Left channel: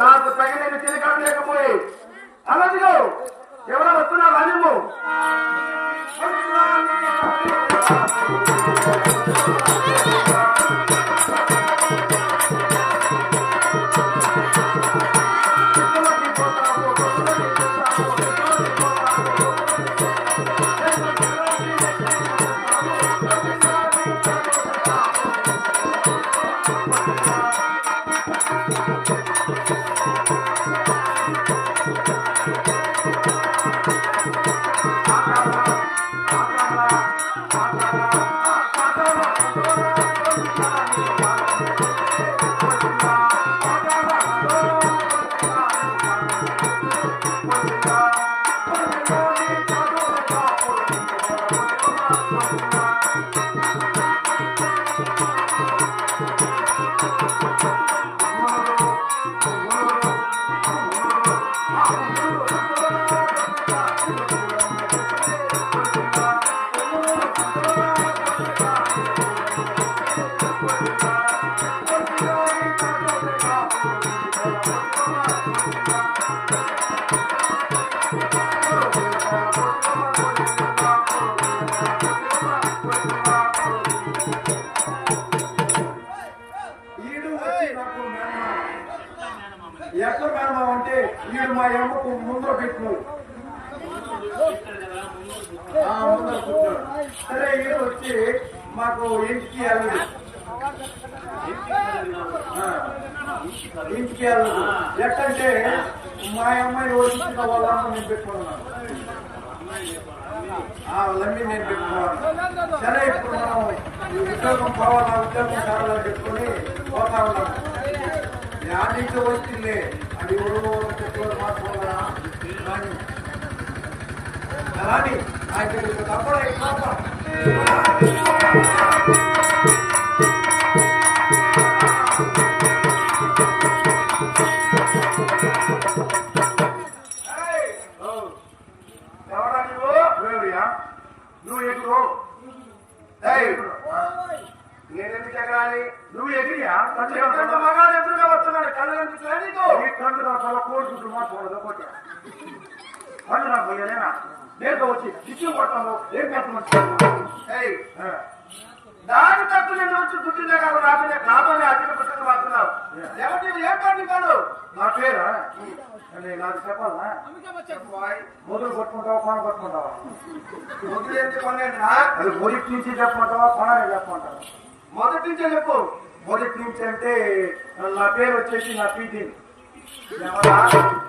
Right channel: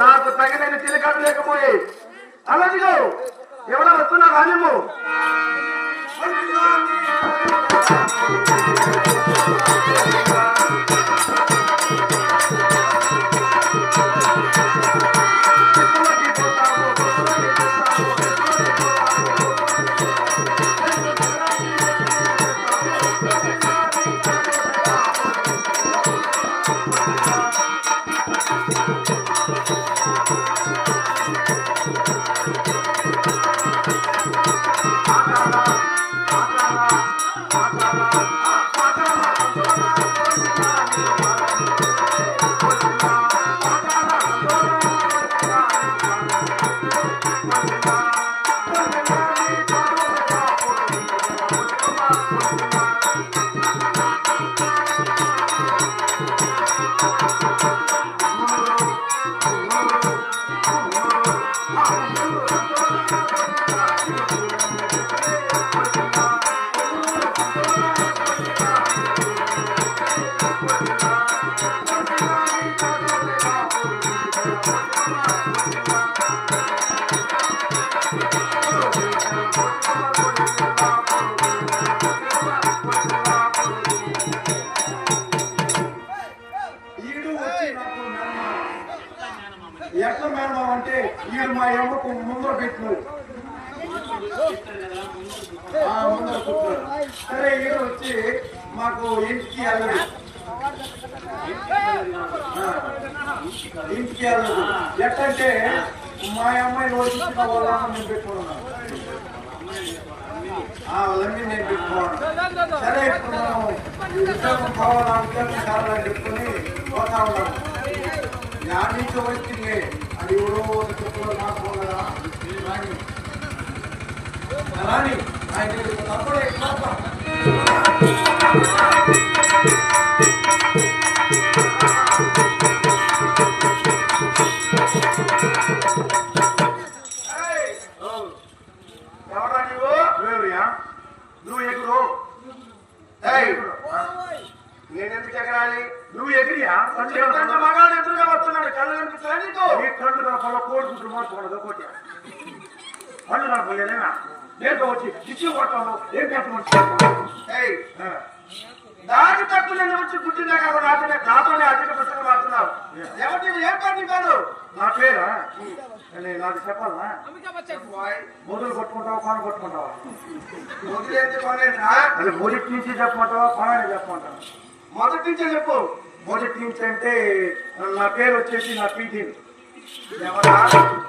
నాకు తగినది తిరగడం లేకపోయి అలాగే ఎవరో వస్తున్నారు? అనిము ఈడు ఎట్లా మేడం అంటే వీడు మా ఎమ్మకు ముందర పెట్టినాడు ముందర కూర్చున్నాడు సరే ఈడు వచ్చి మాకు ఇంటికి వెళ్ళదు. ఇంటికి వెళ్ళదు. ఎట్టంటే మా అమ్మాయి ఓడించిన వాళ్ళ నేను పెట్టుకున్నాను. ఆ, వాళ్ళమ్మి నేను పెట్టుకోవాలి సరే ఇప్పుడు మనం ఉద్యోగం పోవాలి? ఆ ఉద్యోగం కావాలని చెప్పుకొని పోతా ఉన్నాము. వచ్చింది అది ఎవరో ఒక చెప్పుడు మాట్లాడాలా రాని రాని ఆయన తప్పుడు నువ్వు ఎగురు ఏయ్, నేనెందుకు ఎగరాలి? నువ్వు ఎగిరియా? మగాడు ఎదురుగా వస్తున్నాడు కళ్ళు కనిపిస్తాయి నీకు? నీ కళ్ళు నా పొల కోరుకుంటూ మాట్లాడదు ఒకటి కళ్ళు నా పోయేనా నేను వచ్చి ఇచ్చి కొట్టాము ఏం పెట్టమని ఏయ్, దాని తట్టు నేను వచ్చి కూర్చున్నా కాబట్టి నాతోనే నాతోనే అధిక పుస్తకం ఎవరు నీవు ఏం పని కాదు నా పేరా? అని నాకు చెప్పాలా? మొదలు కొట్టుకుంటావా పాన కొట్టుకుంటావా? అది మొదటి నుంచి చెప్పమంటావా పనాన్ని చెప్పమంటావా మొదటి నుంచే చెప్పు. మొదటి నుంచి అంటే నా పేరు వచ్చేసి నా పీటీ?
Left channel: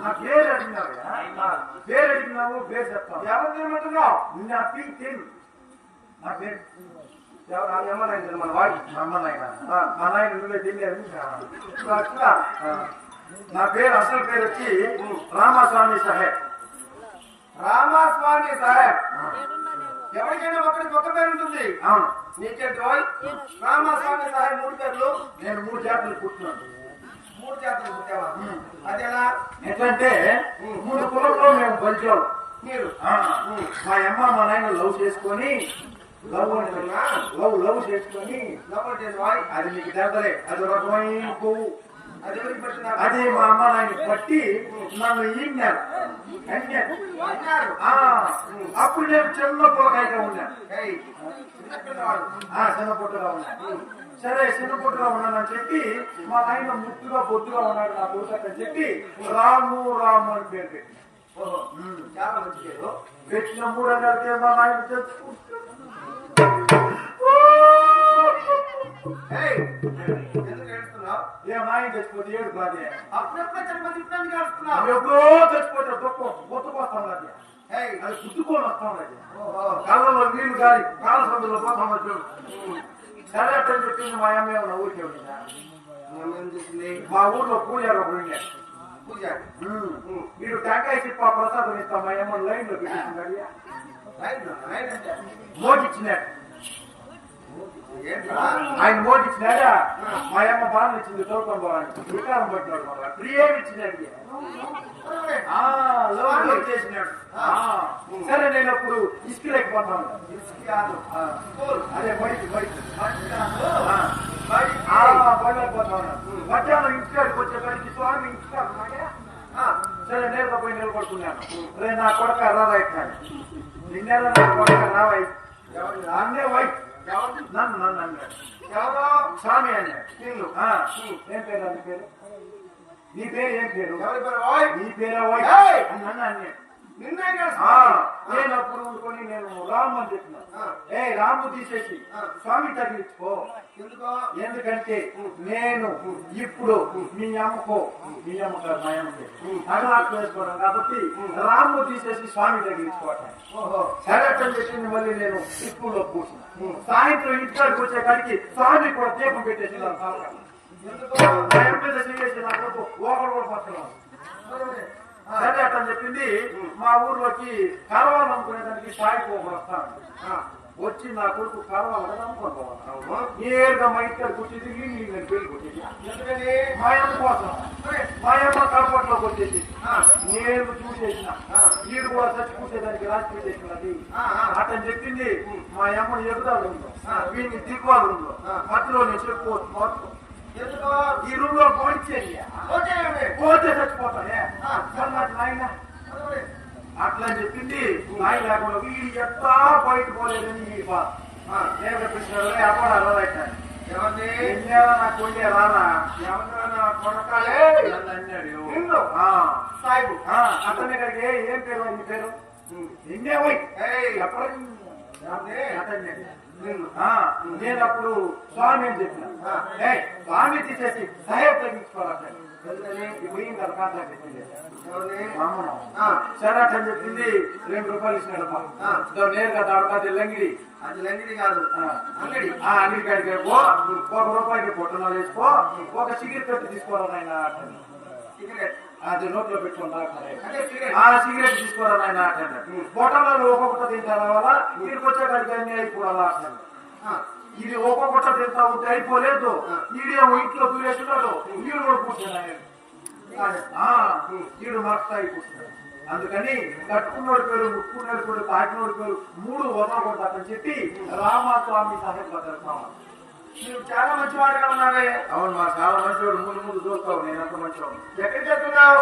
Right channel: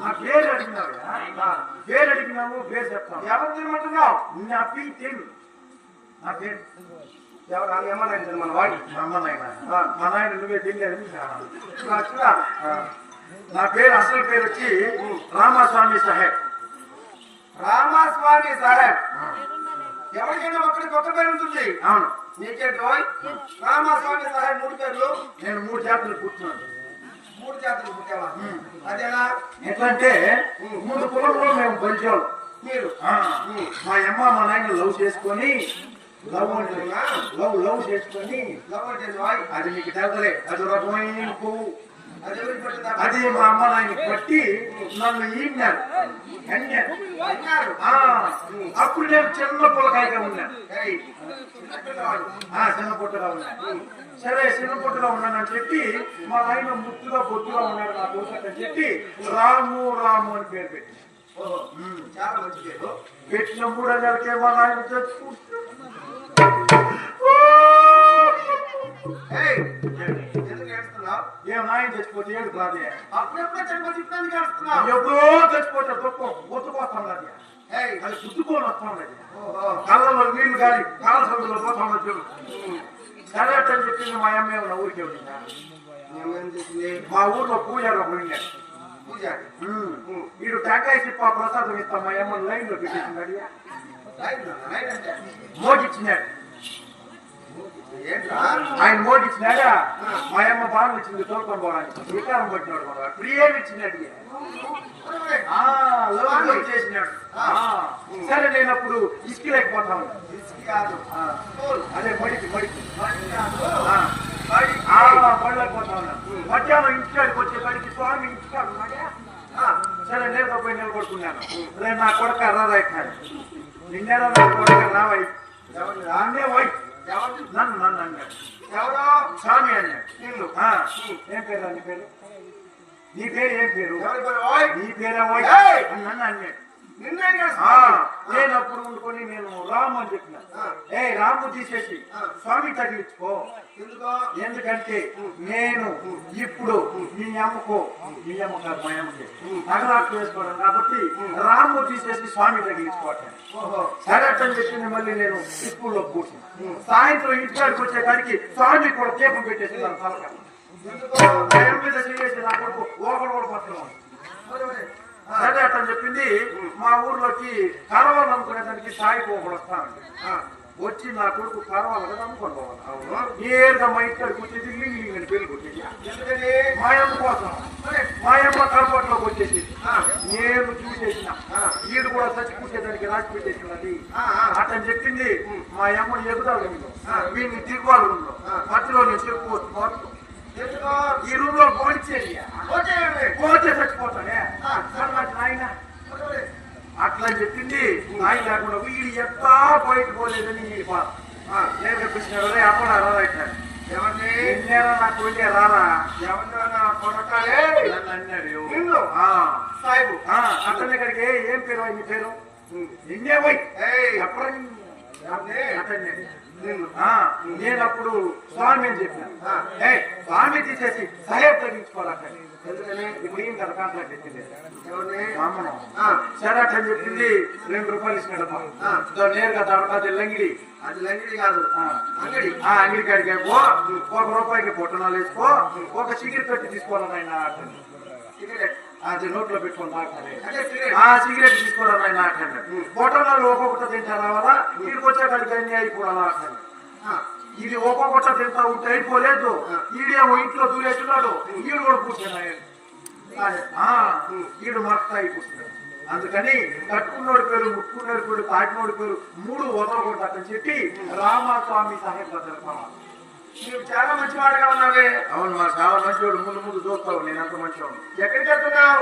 నా పేరు అడిగినారు నా పేరు అడిగినావు పేరు చెప్తాను ఎవరు తినమంటున్నావు నా పీటీ నా పేరు. ఎవరు? ఏమన్నా మన వాడు మా నాయన మా నాయన నువ్వే తెలియదు నా పేరు అసలు పేరు వచ్చి రామస్వామి సాహెబ్. రామస్వామి సాహెబ్. ఎవరికైనా ఒక్కడికి ఒక్క పేరు ఉంటుంది. అవును. నీకేంటో రామస్వామి సాహెబ్ మూడు పేర్లు. నేను మూడు జాతులు కూర్చున్నాను మూడు జాతరలు పుట్టావా? అదేలా? ఎట్లంటే మూడు కులంలో మేము బంచోళ్ళు మీరు? ఆ, మా అమ్మ మా నాయన లవ్ చేసుకొని లవ్ లవ్ లవ్ చేసుకొని ఎవరికైనా అది మీకు తెలదలే అది రకమైన పువ్వు. అది అది మా అమ్మ నాయన పట్టి నన్ను ఈన్నారు అన్నారు అప్పుడు నేను చిన్న పుల్లకాయగా ఉన్నాను. చిన్న పుట్టుగా ఉన్నాను. సరే చిన్న పుట్టుగా ఉన్నానని చెప్పి మా నాయన ముద్దుగా బొద్దుగా ఉన్నాడు నా దోసని చెప్పి రాము రాము అని పేరు పెట్టి చాలా మంచి పేరు. పెట్టిన మూడు నెలలకే మా నాయన చచ్చిపోయాడు. ఎందుకు ఏడుస్తున్నావు? ఏ నాయన చచ్చిపోతే ఏడు రాదే అప్పుడెప్పుడే చనిపోతే ఇప్పుడు ఎందుకు ఏడుస్తున్నావు? ఎప్పుడో చచ్చిపోతే తొక్క ఒత్తుకొస్తాను అది ఏయ్, అది గుద్దుకొని వస్తాను అది ఓహో. కాలంలో నీళ్ళు గాలి కాల సందులో పోతాను చూడు సరే అని చెప్పింది మా అమ్మ ఊరికే ఊర్లో పూజారు పోయింది పూజ వీడు టెంకాయ చిప్ప ప్రసాదం ఇస్తాం మా అమ్మ లైన్లో పెట్టేసింది రైట్ రైట్ అంటే? మోగిచ్చినాడు. ఆయన మోగిచ్చినాడా మా అమ్మ దాని ఇచ్చింది తోలుకొని పోవడానికి. వికారం పట్టినాడు మన ఒరే, ఆ, లవ్ చేసినాడు సరే నేను అప్పుడు ఇసుక కాదు. స్కూల్ అదే బడికి బడికి బడి కాదు ఆ. బడి ఆ, బడిలేకపోతాను మధ్యాహ్నం ఇంటికాడికి వచ్చేసరికి స్వామి ఇంటికాడు సరే నేను పోయి నిలబడుకున్నాను. రే నా కొడుక రావాయినాడు నిన్నేరా నా కొడుక రావాయి ఎవరు? అన్నే వై ఎవరు నన్ను నన్ను అన్నాడు. ఎవరో? స్వామి అన్నాడు. నిన్ను. ఏం పేరు? నీ పేరు? నీ పేరు? ఏం పేరు? నీ పేరే అన్నాడు. నిన్నే ఏడుస్తున్నావు. నేను అప్పుడు అనుకొని నేను రాము అని చెప్పిన. ఏ రాము తీసేసి. స్వామి తగిలించుకో. ఎందుకో? ఎందుకంటే నేను ఇప్పుడు మీ అమ్మకు మీ అమ్మగారు మా అమ్మకి అగరాకు వేసుకోవడం కాబట్టి రాము తీసేసి స్వామి తగిలించుకోవటం. ఓహో. సరే అని చెప్పింది మళ్ళీ నేను స్కూల్లో కూర్చుని సాయంత్రం ఇంటికాడికి వచ్చేకాడికి స్వామి కూడా దీపం పెట్టేసి మీద చేసి నా కొడుకు ఓకరు కూడా పట్టుకున్నాను సరే అట్లా చెప్పింది మా ఊర్లోకి కరవాళ్ళు అనుకునేదానికి సాయి పోకడు వచ్చి నా కొడుకు కరవాలి కదా. నేరుగా మా ఇక్కడ కూర్చి నేను వచ్చేసి కోసం నేను చూసేసిన. వీడు కూడా చచ్చి కూర్చేదానికి రాసి పెట్టేసినది. అతను చెప్పింది మా అమ్మ ఆ. వీడిని ఆ. మధ్యలో నేను చెప్పుకోవచ్చు ఈ రూమ్లో. పోతే చచ్చిపోతానే నాయన. అట్లా చెప్పింది. నాయన లేకుండా వీడు ఎట్టా బయట పోలేదని ఈ బాధ. ఆ, నేను కనిపించినాడు అప్పుడు అలా ఎవరిని ఎన్నేళ్ళ నా కొడుకే రారా ఎవరినో నా కొడకాలే? నన్ను అన్నాడు. నిన్ను? ఆ. సాయిబు. ఆ, అతనే కడిగి ఏ- పేరు? నీ పేరు? పోయి. ఏయ్, చెప్పడం నేను అప్పుడు స్వామి అని చెప్పిన. స్వామి తీసేసి సహేబ్ తగ్గించుకోవాలి అట్లా చెప్పింది రెండు రూపాయలు ఇచ్చినాడు. ఆ. దో నేరుగా దాని లంగిడి. అది లంగిడి కాదు. అంగడి. ఆ అంగడి కాడికి ఒక రూపాయికి పొట్టనాలు వేసుకో. ఒక సిగరెట్ పెట్టి తీసుకోవాలి ఆయన సిగరెట్. అది నోట్లో పెట్టుకుని సిగరెట్. ఆ సిగరెట్ తీసుకోవాలి ఆయన అంటాడు పొట్టనాలు ఒక్కొక్కటి తింటారా వల్ల వీడికి వచ్చే కాడికి అన్ని అయిపోవాలా అంటాడు ఆ, ఇది ఒక్కొక్కటి తింటా ఉంటే అయిపోలేదు. ఈడేమో ఇంట్లో దూరేస్తున్నాడు. వీడు కూడా కూర్చున్నాడు. వీడు మస్తాయి కూర్చున్నాడు అందుకని కట్టుకున్నోడి పేరు ముట్టుకున్నోడి పేరు తాకినోడి పేరు మూడు వదలకూడదు అతని చెప్పి రామస్వామి తెలుస్తాను నువ్వు చాలా మంచివాడుగా ఉన్నావే. అవును మా చాలా మంచివాడు ముందు ముందు చూస్తావు నేను అంత మంచివాడు ఎక్కడికి వెళ్తున్నావు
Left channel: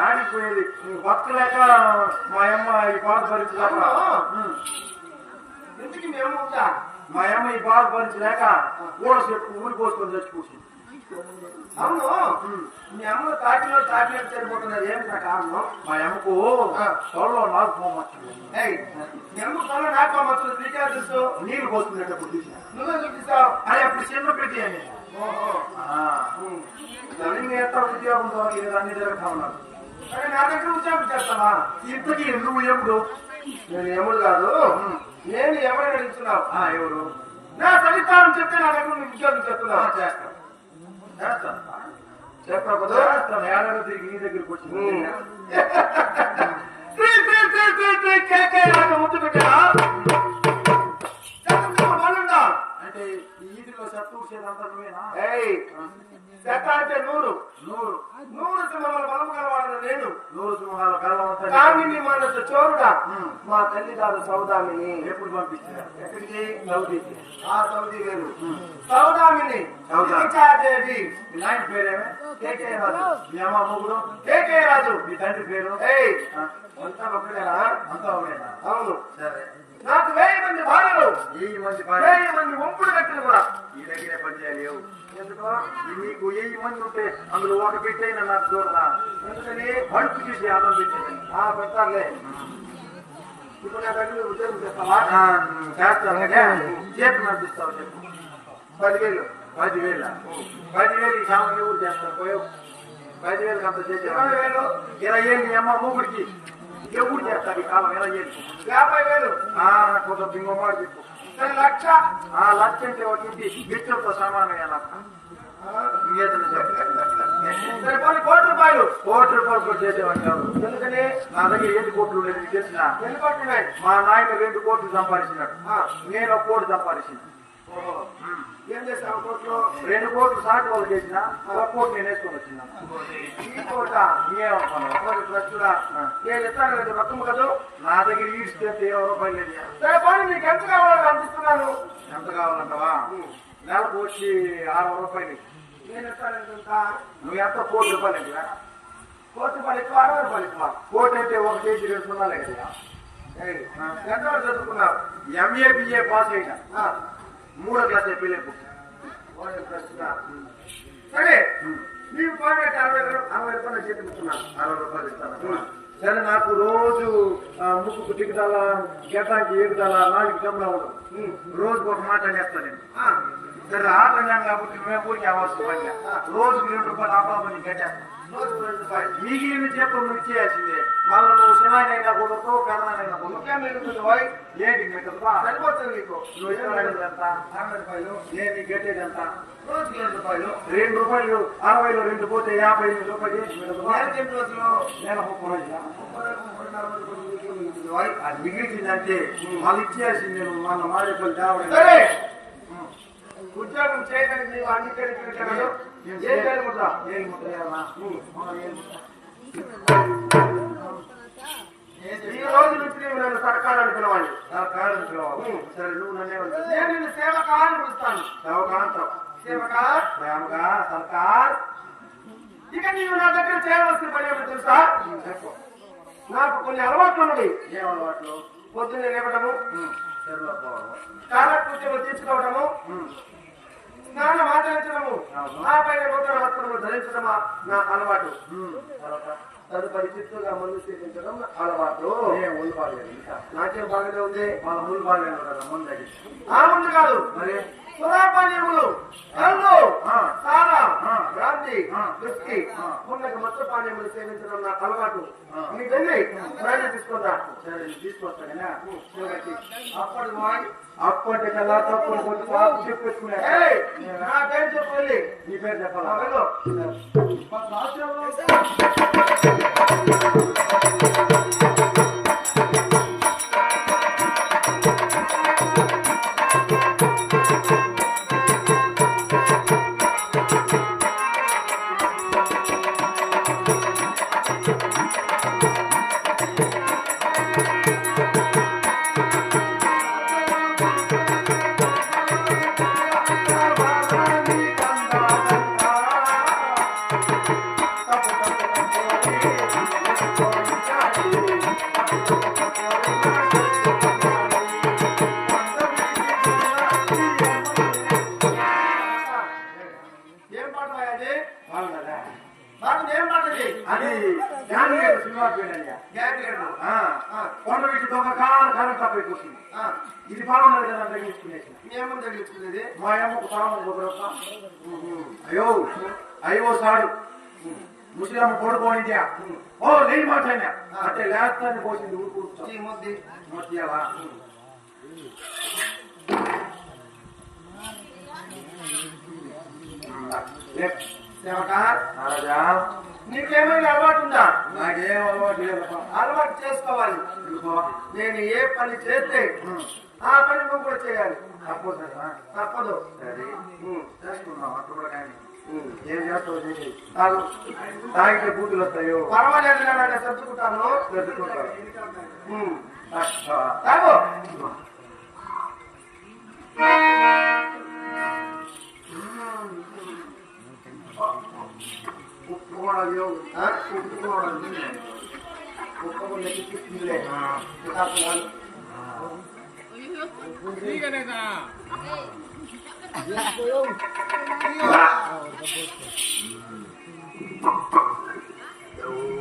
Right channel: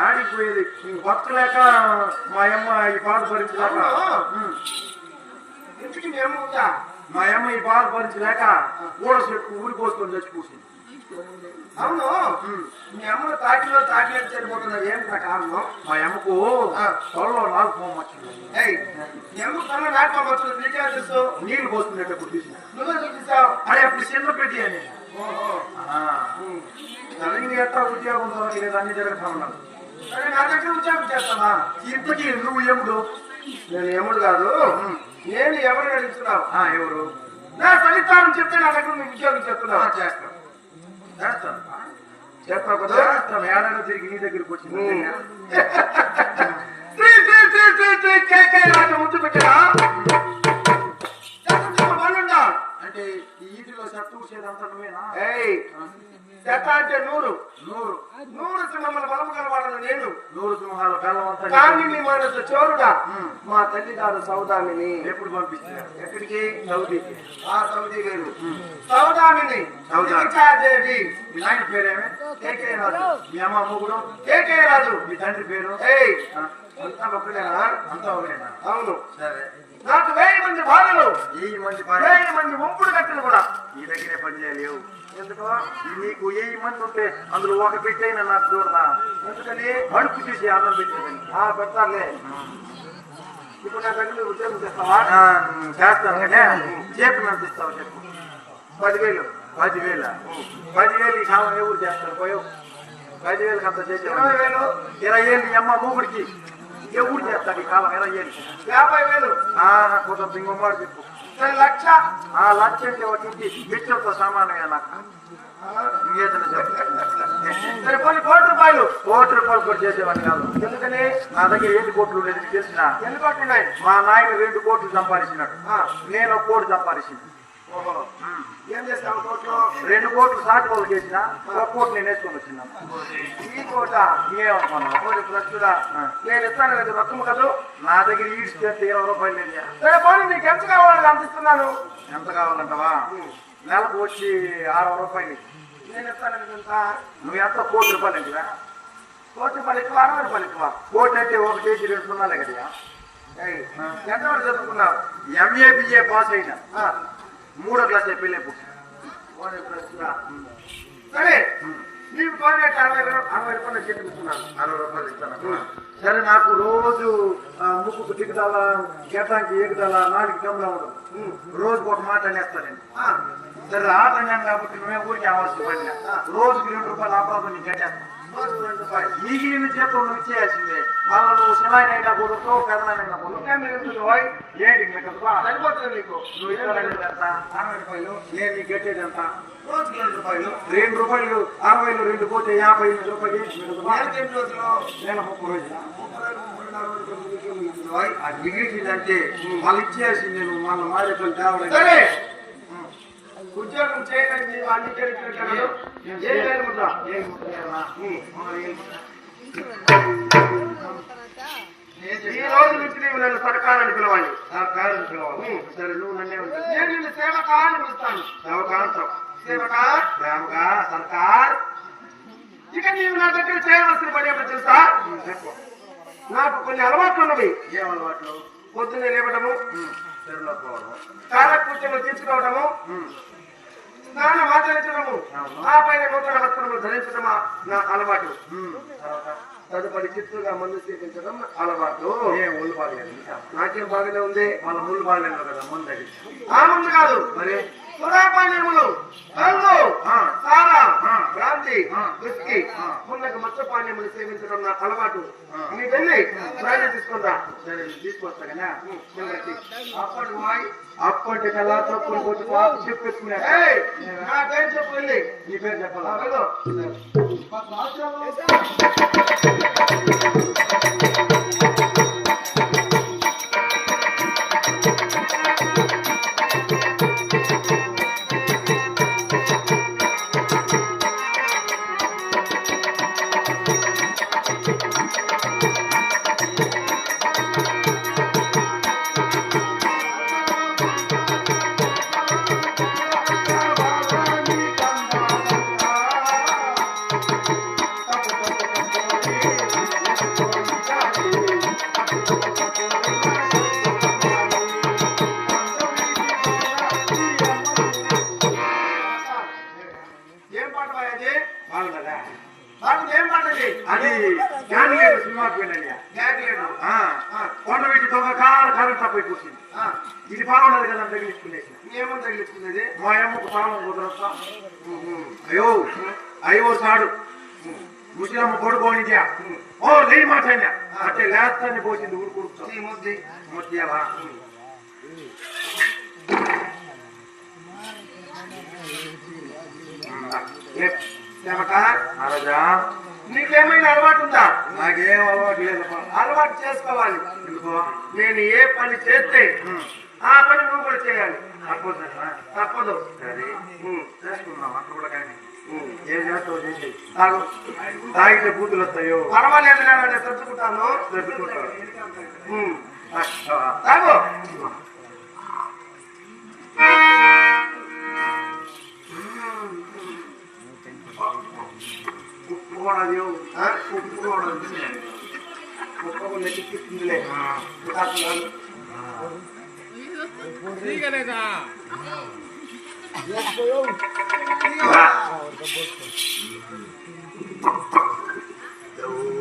ఆడికి పోయేది భక్తులేక మా అమ్మ ఈ బాధ భరించలేక. ఇంటికి మేము మా అమ్మ ఈ బాధ భరించలేక ఊడ చెట్టు ఊరి పోసుకొని తెచ్చి కూర్చుంది. అవును. మీ అమ్మను తాకిలో తాకినట్టు సరిపోతున్నారు ఏం కారణం మా అమ్మకు తొడలో ఏయ్, మీ అమ్మకు వచ్చింది. నీకే తెలుసు? నీళ్ళు పోసుకునేటప్పుడు చూసిన. నువ్వే చూపిస్తావు అరే ఇప్పుడు చిన్న పెట్టి అని. తల్లిని ఎట్లా ఉద్యోగం దొరకలేదు అన్ని జరుగుతా ఉన్నారు సరే నా దగ్గర ఉద్యోగం చేస్తావా? ఇంతకీ నువ్వు ఏముడు? నేను ఎముడు కాదు. నేను ఎవరిని అడుగుతున్నావు? ఎవరు? నా సరితాను చెప్తే నా దగ్గర నువ్వు ఉద్యోగం చేస్తున్నావు? చేస్తాను. చేస్తాను చేస్తావు కదా చేస్తాను ఏడాది తిరిగి నీ దగ్గరికి వచ్చింది ముద్దు పెట్టా మళ్ళుండా అంటే ఈ ఈదిలో చెత్త ఊడ్చేదంతా నువ్వేనా? ఏయ్ శత అంటే నూరు. నూరు. నూరు సింహముల బలము కలవాడను నేను. నూరు బెల్లం అంతా కానీ నీ మన చోరుడా. ఉమ్. మా తల్లిదారు సౌదామిని. ఎప్పుడు పంపిస్తారు? ఎక్కడికి? సౌదీకి ఆ సౌదీ వేరు. సౌదామిని. సౌదా. దేవి మీ నాయన పేరేమే? కేకే రాజు. మీ అమ్మ మొగుడు కేకే రాజు. మీ తండ్రి పేరు? ఏయ్. అంతా ఒకటేనా అంతా ఒకటేనా అవును. సరే. నాకు వెయ్యి మంది బాధలు. ఈ మంది వెయ్యి మంది కట్టలు కూడా. ఈ దగ్గరే పని చేయలేవు. ఎందుకో? నీకు ఏ మంది ఉంటే అందులో ఒక పెట్టైనా నాకు చూడరా ఎందుకని? అడుపు తీసి అన్నం పెట్టేది. ఆ పెడతారులే ఇప్పుడు నా దగ్గర ఉద్యోగం చేస్తావా? చేస్తాను. కానీ చేతి పంపిస్తావు చెప్పు. పదివేలు. పదివేల? పదివేలు ఈ కాలం ఎవరు చేస్తారు? పదివేలు అంత చేసి ఇరవై వేలు. ఇరవై ఏళ్ళు అమ్మ మూగుడికి ఎవరు చేస్తారు ఈ కాలం? ఇరవై ఏళ్ళు యాభై వేలు. మాట చెప్పు. సరే లక్ష. ఆ లక్ష అంటే ఒక ఇంటి బిడ్డలతో సమానంగా లక్ష కోటి రూపాయలు. కోటి రూపాయలు కొట్టేసేవాడిని కాదు. ఎందుకని? నా దగ్గర ఎన్ని కోట్లు లేదు కోట్లున్నాయి మా నాయన రెండు కోట్లు సంపాదించినాడు. నేను ఒక కోటి సంపాదించింది. ఓహో. ఏం కోట్లు రెండు కోట్లు సాటి వాళ్ళు చేసిన ఒక కోటి నేను వేసుకొని వచ్చినాను ఈ కోట ఇంకేమనుకున్నాను కోటి ప్రస్తుత. నేను ఇస్తాను లేదు మొత్తం కదా? నా దగ్గర ఈడ్చితే ఇరవై రూపాయలు లేదు పోనీ నీకు ఎంత కావాలి అందిస్తున్నాను ఎంత కావాలంటావా? నెలకు వచ్చి అరవై రూపాయలు. నేను ఇస్తాను ఎంత నువ్వు ఎంత? కోటి రూపాయలు ఇంకా కోటి రూపాయలు ఎక్కువ అరవై రూపాయలు ఎక్కువ. కోటి అంటే ఒక కేజీ రెండు సున్నాలే కదా ఎంత చదువుకున్నారు? ఎంఏ బిఏ పాస్ అయినా. మూడో క్లాస్ పెళ్ళి పుట్టి సరే నీవు కోనేటి అరవై అరవై రూపాయలు చేతుకున్నాను అరవై రూపాయలు ఇస్తాను. సరే నాకు రోజు ముక్కు తిగుదల గెట్టానికి ఎగుదల నాలుగు గమ్లా ఉండదు రోజుకు ఒక మాట అనేస్తాను నేను. సరే ఆట అన్నాను కాబట్టి మేము కూడా రోజుకి రెండు రూపాయలు ఆపాలని గెట్టేస్తాను రోజు రెండు రూపాయలు మిగిలిన చేతులు నువ్వు ఇచ్చేయాల్సిందే మళ్ళీ శివాయనైనా కూడతో పెదనైనా కుదరదు మీరు ఉంటుంది ఏంటి మీకు సరిపోతుంది నీకు నువ్వు ఇరవై అరవై రూపాయలు నేను నీకు కట్టేది రోజుకి రెండు రూపాయలు రెండు రూపాయలు అరవైలో రెండు పోతే యాభై ఎనిమిది రూపాయలు ఏంటి రోజులు నేను ముప్పై రోజులు అది మిగిలిందంటే మళ్ళీ ఇచ్చేసింది నువ్వు మళ్ళీ మారేపల్లి ఉద్యోగం చేయడానికి నీవు ఏం? ఈ రోజు నుంచి నేను సర్కారాన్ని పిలవాలి. సార్ పేరెంట్స్ పిలవాలి. సరే నువ్వు నన్నే. నేను నిన్ను సేవకాన్ని పిలుస్తాను. సేవకాంతం సేవకా ప్రేమగా సర్కార్. ఇక నీవు నా దగ్గర చేయవలసిన పని ఏమిటో తెలుసా? నాకు కొన్ని అలవాట్లు ఉన్నవి. ఏం అలవాట్లు? పొద్దున్నే కాలకృత్యము తీర్చుకోవడము ఉమ్. స్నానం ఆచరించడము ఆ పైన నూతన వస్త్రములు ధరించడమా? నా అలవాటు. తదుపరి చిత్తుగా మందు సేవించడం నా అలవాటు ఒళ్ళు బాగలేదు. నాకేం బాగానే ఉంది? వాళ్ళ బాగలేదు కదా ముందు అది. ఆ ముందు కాదు. మరి? సురాపానీయములు కళ్ళు. సారా ఆ. బ్రాంతి ఆ. విస్కీ ఆ. మున్నగ మత్తు పానీయములు సేవించడం నా అలవాటు. ఆ. నీ వెళ్ళి రైలు తీసుకుందా? సరే ఇది తీసుకొస్తా కదా అప్పటి వాయి అప్పటి కల్లా తప్పుడు కొద్ది పాప చెప్పేసుకున్నా ఏయ్, నా పేరు చెప్పు వెళ్ళి నీ పేరు ఆ చెప్పాలా వెళ్ళు. ఏం కొండ వీటి దొంగ కారు తప్పి కూర్చుంది ఇది బాగున్నది కదా తగిలించుకునేసి ఏమని తగిలించుకునేది మా అమ్మకు తాళం కుదరస్తా అయ్యో అయ్యో సాడు. ముసలమ్మ కొడుకోనిద్యా ఓ లేని మాట అంటే లేస్తాన్ని పోసింది ఊరు కూర్చో ఈ ముద్ది మొత్తియాలా సేవక రాజా నీకేమైనా అలవాటు ఉందా నాకేం అలవాటు లేదు అలవాటు చేసుకోవాలి. నేను ఏ పని చేస్తే ఆ పని నువ్వు కూడా చేయాలి. తప్పదు. తప్పదు. సరే. ఉమ్. చేసుకుందామా? చూడడానికి ఏం చేస్తావు చేసి తాగు. తాగితే బూతులు వస్తాయో? పర్వాలేదు సర్దుకుంటాను. ఆ, తాగు. ఉప్పు కూడా లేవు. ఆ? ఉప్పు